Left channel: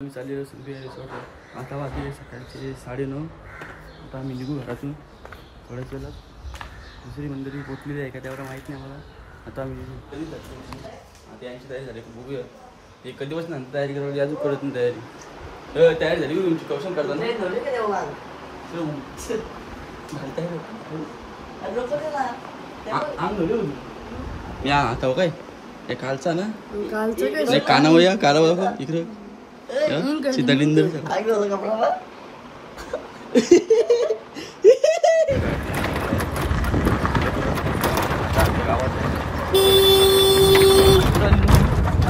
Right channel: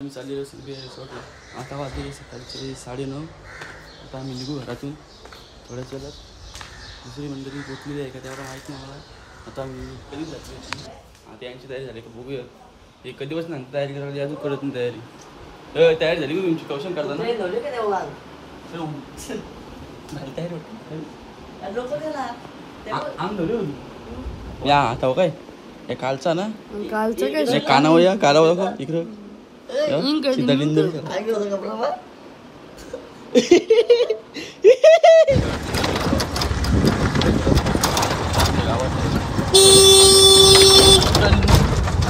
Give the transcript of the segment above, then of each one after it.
आम्ही चाललेलो सगळे आता वाजले सकाळचे 9:30. आता आम्ही निघू घरातून थोड्याच वेळात. दुसरी मंडळी पोचलेली आहे का त्यावर माहीत नाही मला. आता आम्ही कधी जातो आता यांची तयारी झाली का बघूया. हे कधी बस नंतर तयारी करायला अजून कळत नाही. तयारी झाली का तुमची कौशल करताना या आता काय हे कालचा ना कानावर या कानावर दाखव इकडं सीताडिंदर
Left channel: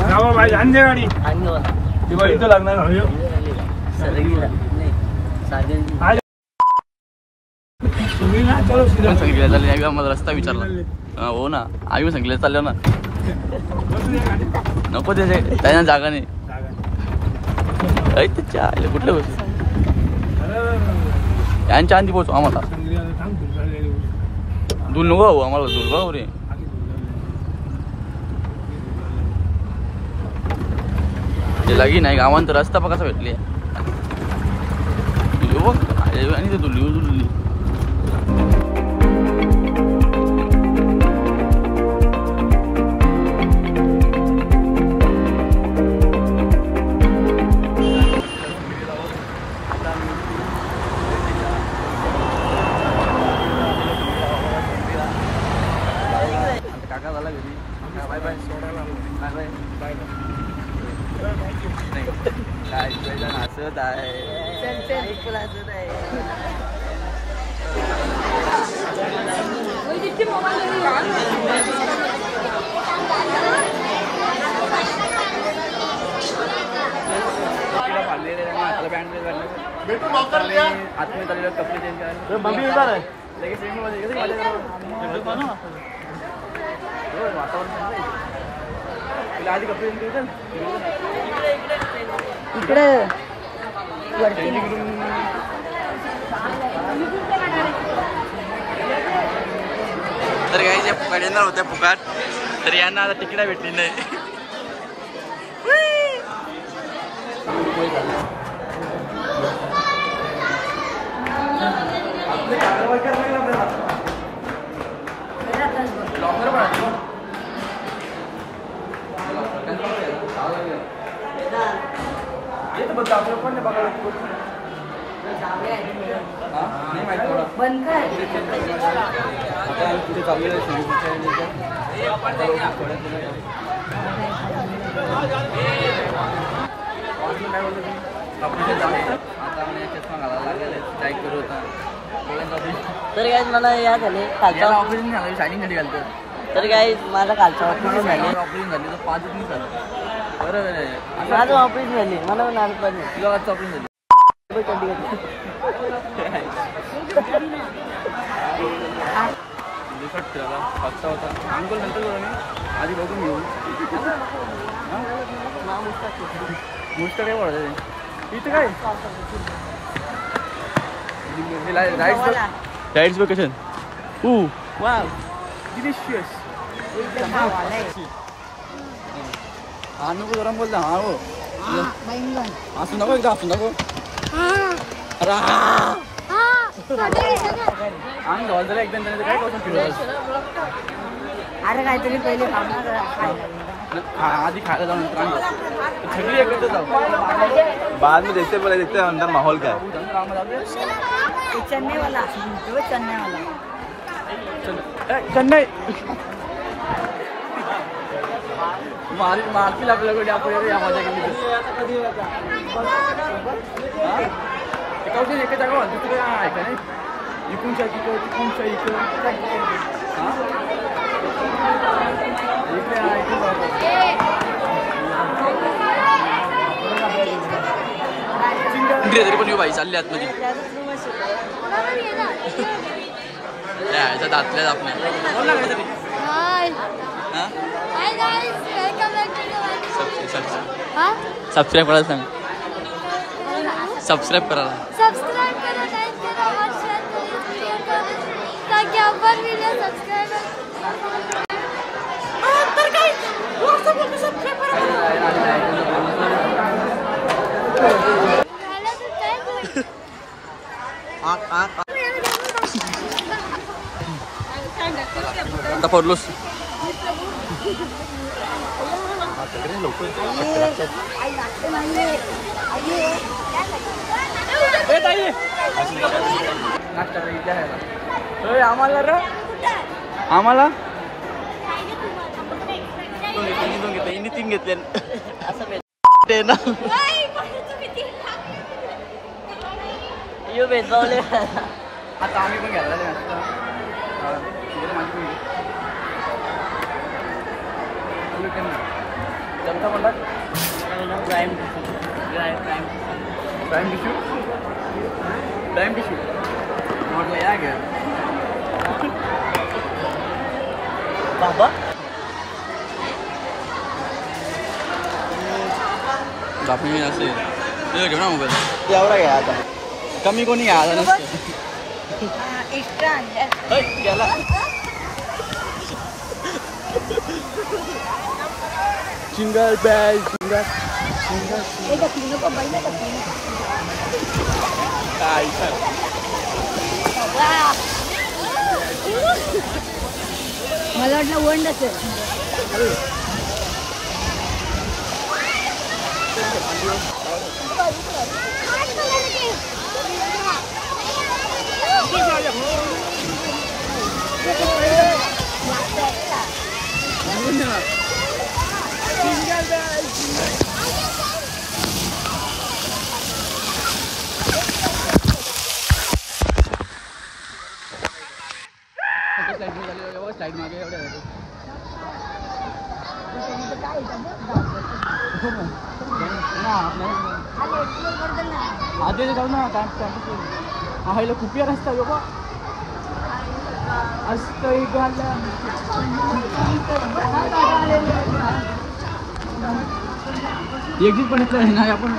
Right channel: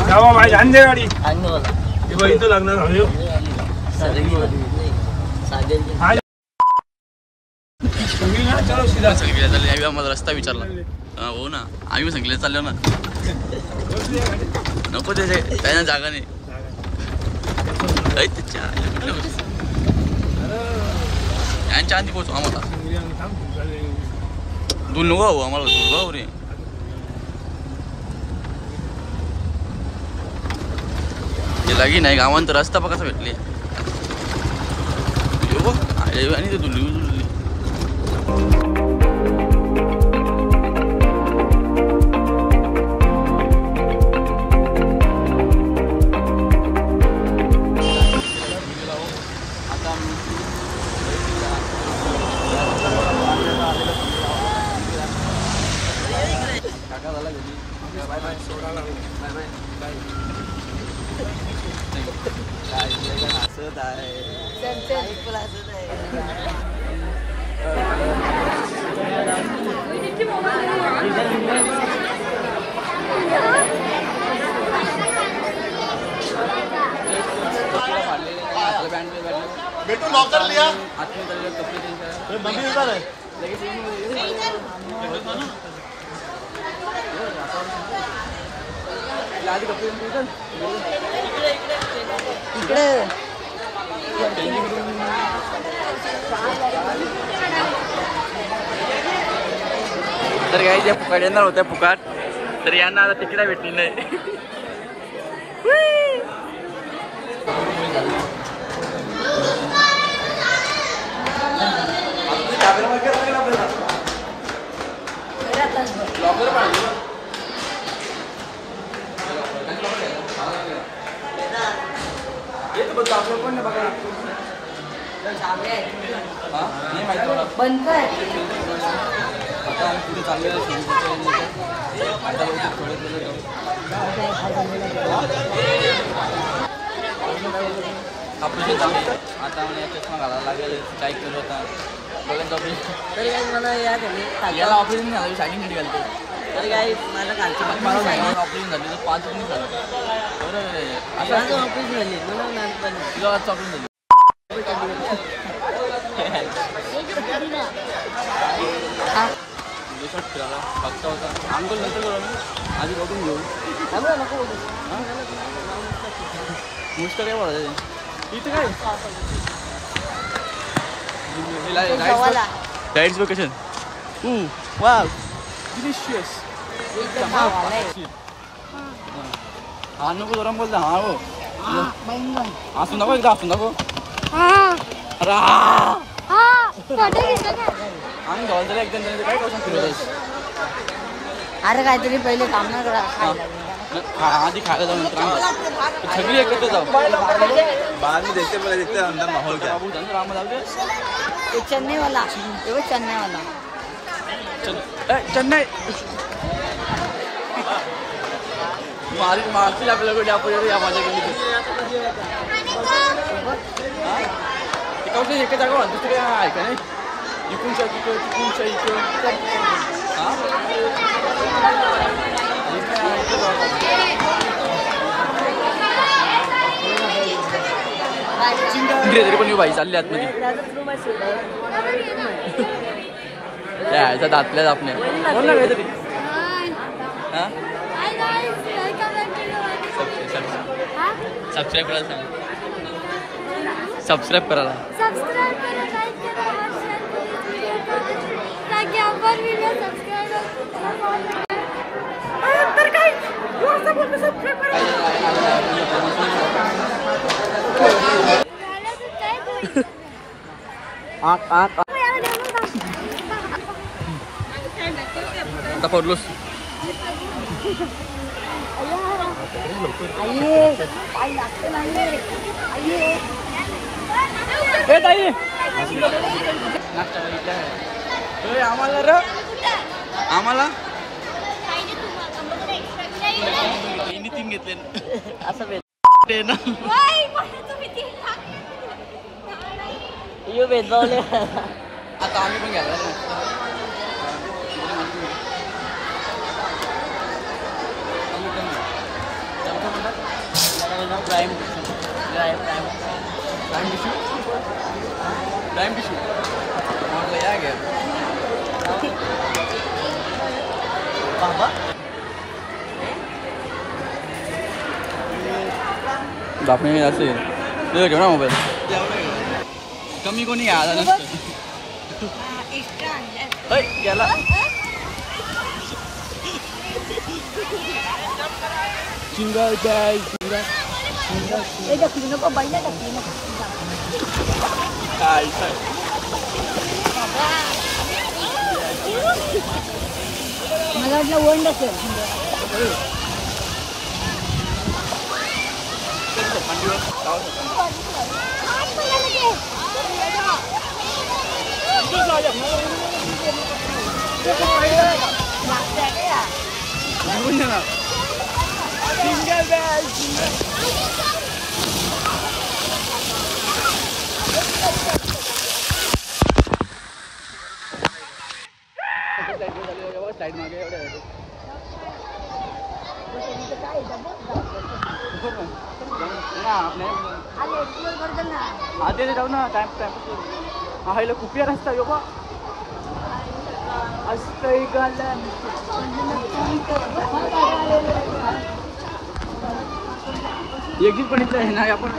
गावा बाई आणले गाडी इथं लागणार सांगितलं चालले आम्हाला रस्ता विचारला. हो ना आम्ही सांगितलं चाललो ना नको त्याच्या जागा नाही कुठल्या गोष्टी यांच्या आधी पोहोचू आम्हाला दूर नको भाऊ आम्हाला दूर भाऊ रे. लागी नाही गावांत रस्ता बघ कसा भेटली बघ आणि ते दुलली काका झाला घरी बाय बाय सोडायला बाय बाय बाय काय तुझ्या हसत आहे हसत आहे. हाताला बँड आतमध्ये चाललेलं कपडे त्यांच्या लगेच वातावरण चांगलं आधी कपडे तर काही ज्या फुकाट येणार होत्या फुकाट तर यांना आता तिकीट भेटली नाही. आपलं पण नाही बघा नाही माहिती आता आम्ही पुढे चाललेलं आहे सिंधुदुर्गच्या आता लोक थोड्याच वेळेला जाऊ. काय बोलतो तुम्ही आपलं आता मला चष्मा घालायला लागलेले चॅक करत होता बघून तरी काय मला या झाले याला ऑपरेशन झालं शायनिंग साठी घालतो तर काय माझा कालचा ऑपरेशन झाली तर 5 दिवस झालं. बरोबर आहे माझं ऑपरेशन झाली मला नारळ पाहिजे तुला वाजता ऑपरेशन झाली फिरायला बघता होता अंकोल नंतर करू आम्ही आधी बघून घेऊ हां मुष्ट काय बोलायचं इथे काय राईड्स वेकेशन वाव डिलिशियस हा नको गरम बोलता हा हो असू नको एकदा असू नको अरे आम्ही धॉल झाला एकदम काय कौशल फिरवत अरे काहीतरी पहिले आधी खायला जाऊ नंतर सगळी एकत्र जाऊ बाद में देखते पहले देखते अंदर माहौल क्या चेन्नई वाला चेन्नई मारतील आपल्याला आपण या मजा केली तर कौशल एके जागा दुसरी काय आहे का नाही इकूनच्या तिकूनच्या इकडं हां तरी पण बाई चालली आतमध्ये यायच्या दातल्या आपल्या बोल ना काहीतरी हां सबस्क्राईब करायला सांग सबस्क्राईब करायला आता पडलोस. आम्हाला र आम्हाला तीन घेतले ना. आता आम्ही पण घ्यायला जमता म्हणतात प्राईम टिश्यू म्हटलं या घ्या बाबा. आपण असेल घेऊ ना मोबाईल एवढा घ्या आता. कमी कोणी घ्या आता नसतं. गेला सिंगल बॅग मला वाटलं वन असेल. आधी जाऊ ना टाइम हायला कुपिया रस्ता बाबा. एक पण इथलं नाही आपण.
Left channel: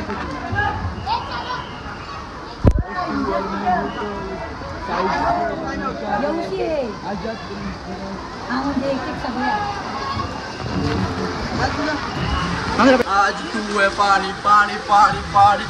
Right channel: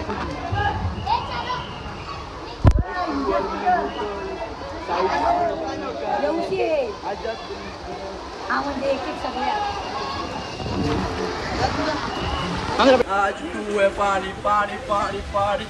आज तू है पानी पानी पानी पानी.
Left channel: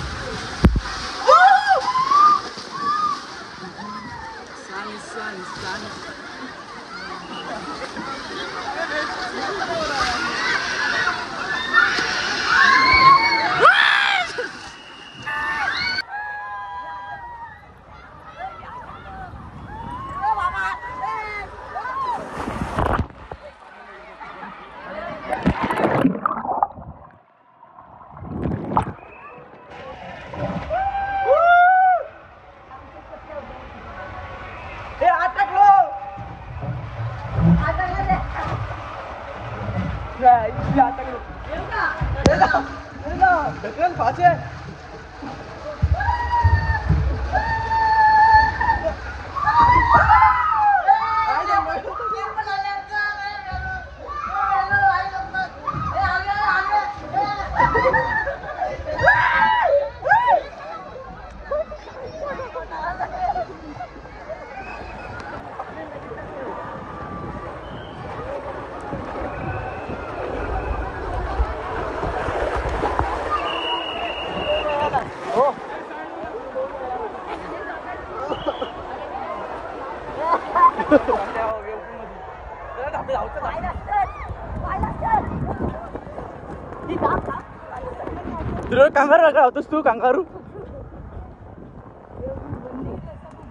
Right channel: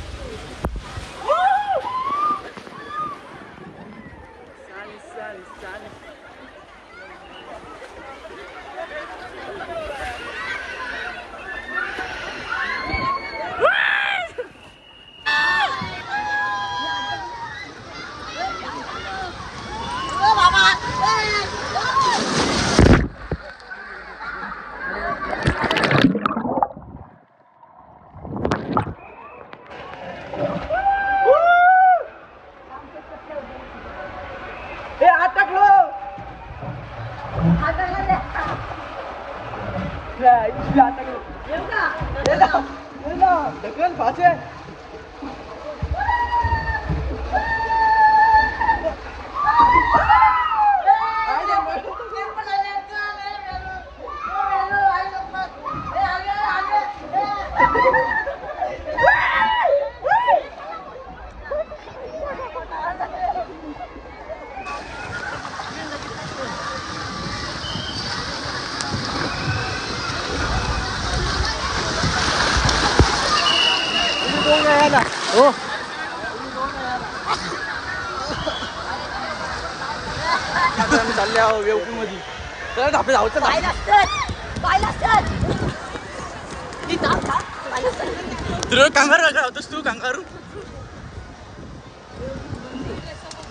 कांगारू का होतोस तू? कांगारू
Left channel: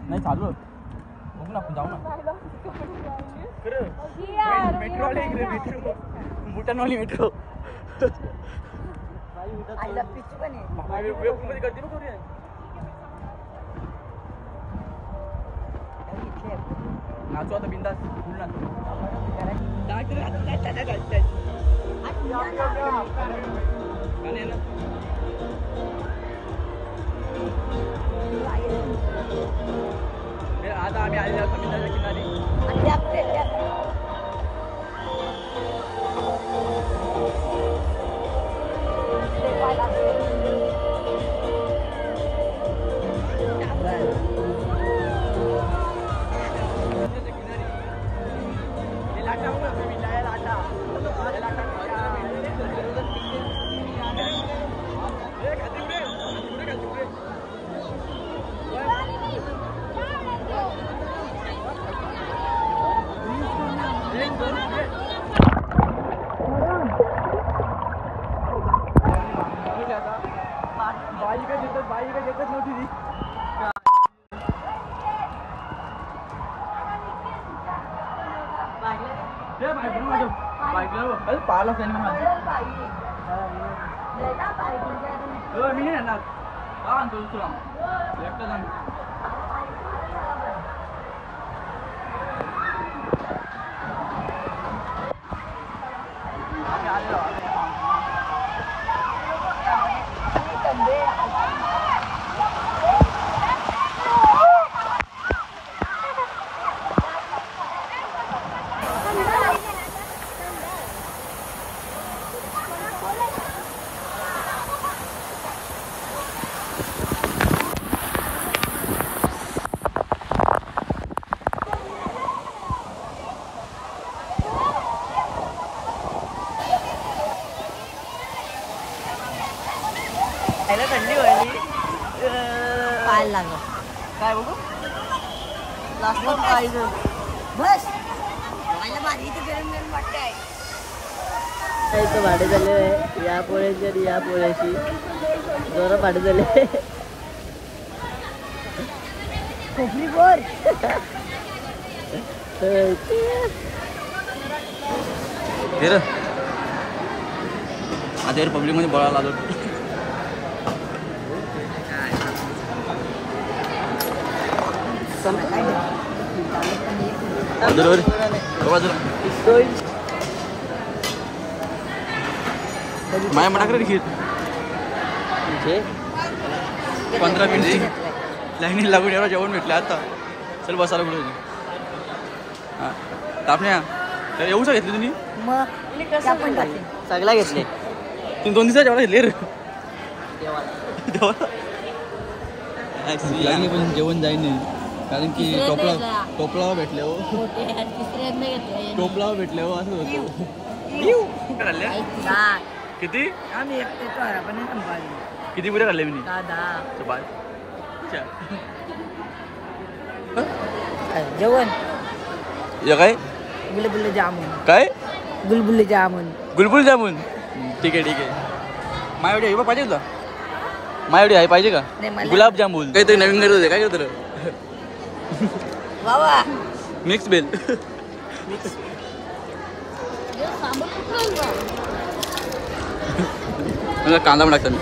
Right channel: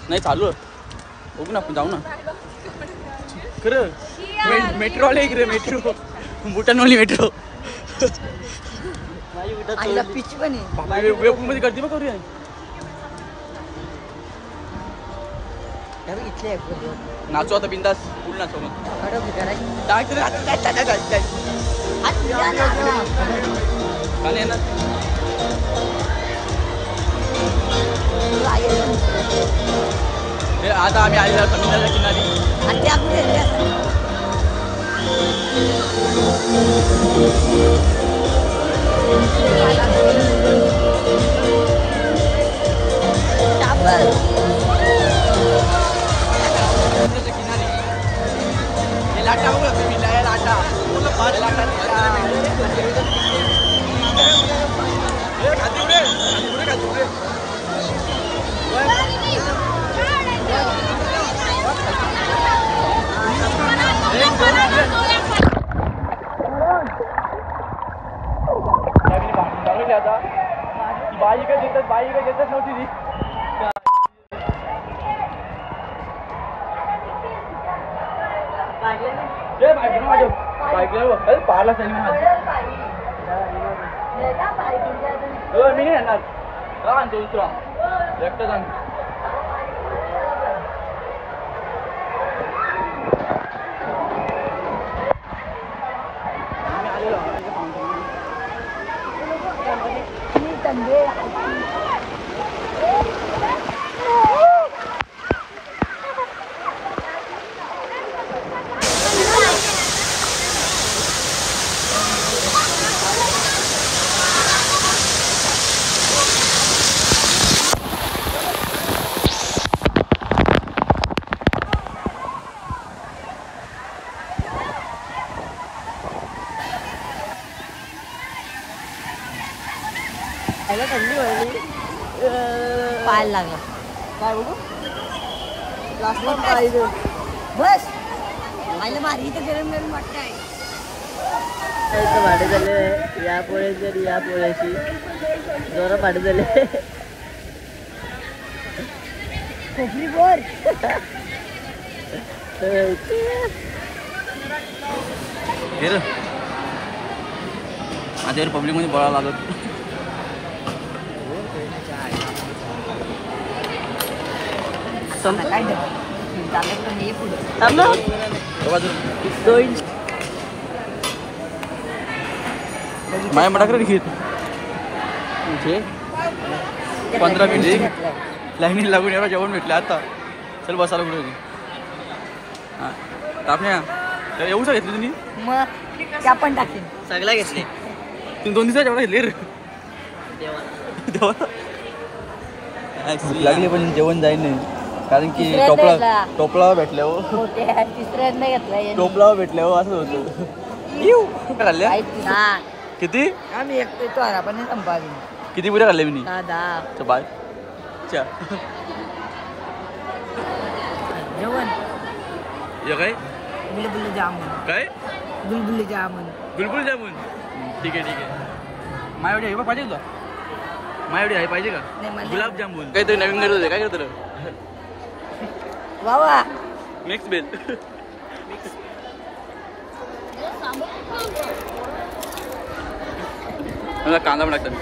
नाही चालू बघू ना, जाऊ ना खरं. मेट्रो आले इकडे, मेट्रो बुटानवली मेट्रो. मध्ये करते बघ. करूया नाचू आता बिंदास. फुल नाचू मग. आता आम्ही आलेलो समुद्राच्या किनारी. लाटा बघा तुम्ही, लाटा लाटा खाती बाई काय देतच नव्हती ती. पारला नाही येणार आणतो दुसरा एकटाच आणतो. आम्ही आलेलो थंडी व्हायली. पाहायला लागला काय बघू लास्ट पाहिजे बस पाहिलं मार्गीचं जेवण करून वाटतंय. इथं भाडे झाले या पोळ्याची आणि या पोळ्याची जोरा भाडे झाले. कोपरी बोर आता पब्लिक मध्ये बोलायला आलो. माया मटाकर घेत 15 मिनिट लाईनीत लागून एवढं जेवण भेटलं. आता चल बसायला कुठे हां तापण्या एवढं घेतली तुम्ही. मग त्या पण टाकते सगळा घेतले तुम्ही 2 दिवसाच्या एवढा घेतले रे देवा. लागले पण जेवण जाईल नाही कारण की टोपला भेटल्या हो. तिसऱ्यांदा घेतला टोपला भेटल्या हो असं होतं. किती आम्ही येतो आपण संपादन किती पुऱ्या खाल्ल्या मी दादा बाय. जेवण या काय बुलबुल जामुन काय बुलबुल जामुन गुलबुल जामुन. ठीक आहे मायावडी आहे पाहिजे का मायावडी आहे पाहिजे का नाही मला गुलाबजामुन काहीतरी नवीन करत होते. काय करत बाबा मिक्स बेल मला कांदा पण टाकता मी.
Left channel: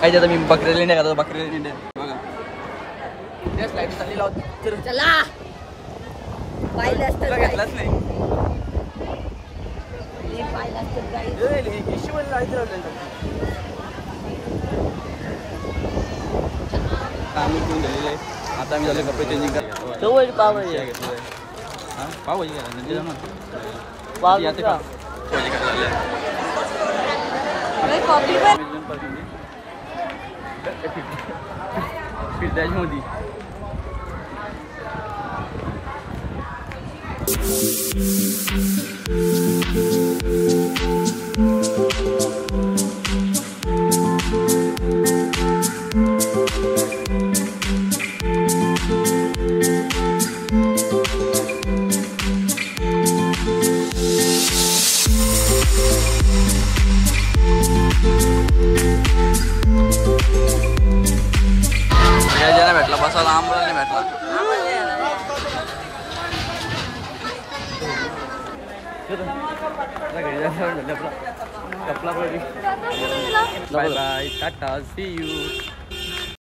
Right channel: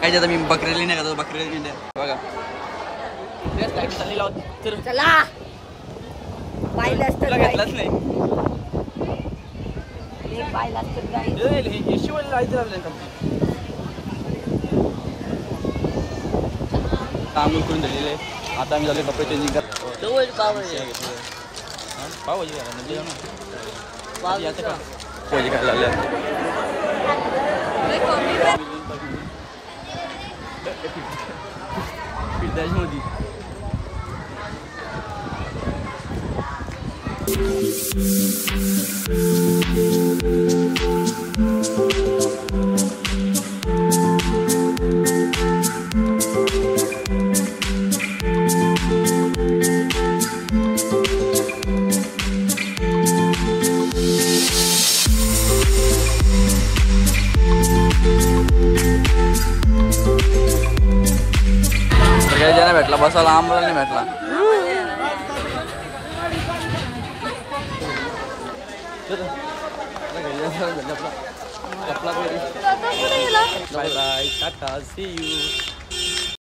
काय जातं मी बकरीला नाही का बकरीला नाही बघा लाईट चालली लावत तर चला पाहिलं असतं घेतलाच नाही. मी पाहिलं असतं जाईल येशीवाली लाईट लावली आम्ही करून झालेलं आहे. आता आम्ही झाले कपडे चेंजिंग करतो. घेतलेलं आहे हां पावभाजी काय नंतर जाऊ ना आता का पावभाजी काय लागल्या त्याच्यामध्ये भेटला बसायला आम्हाला नाही भेटला. कपला bye bye ta-ta see you.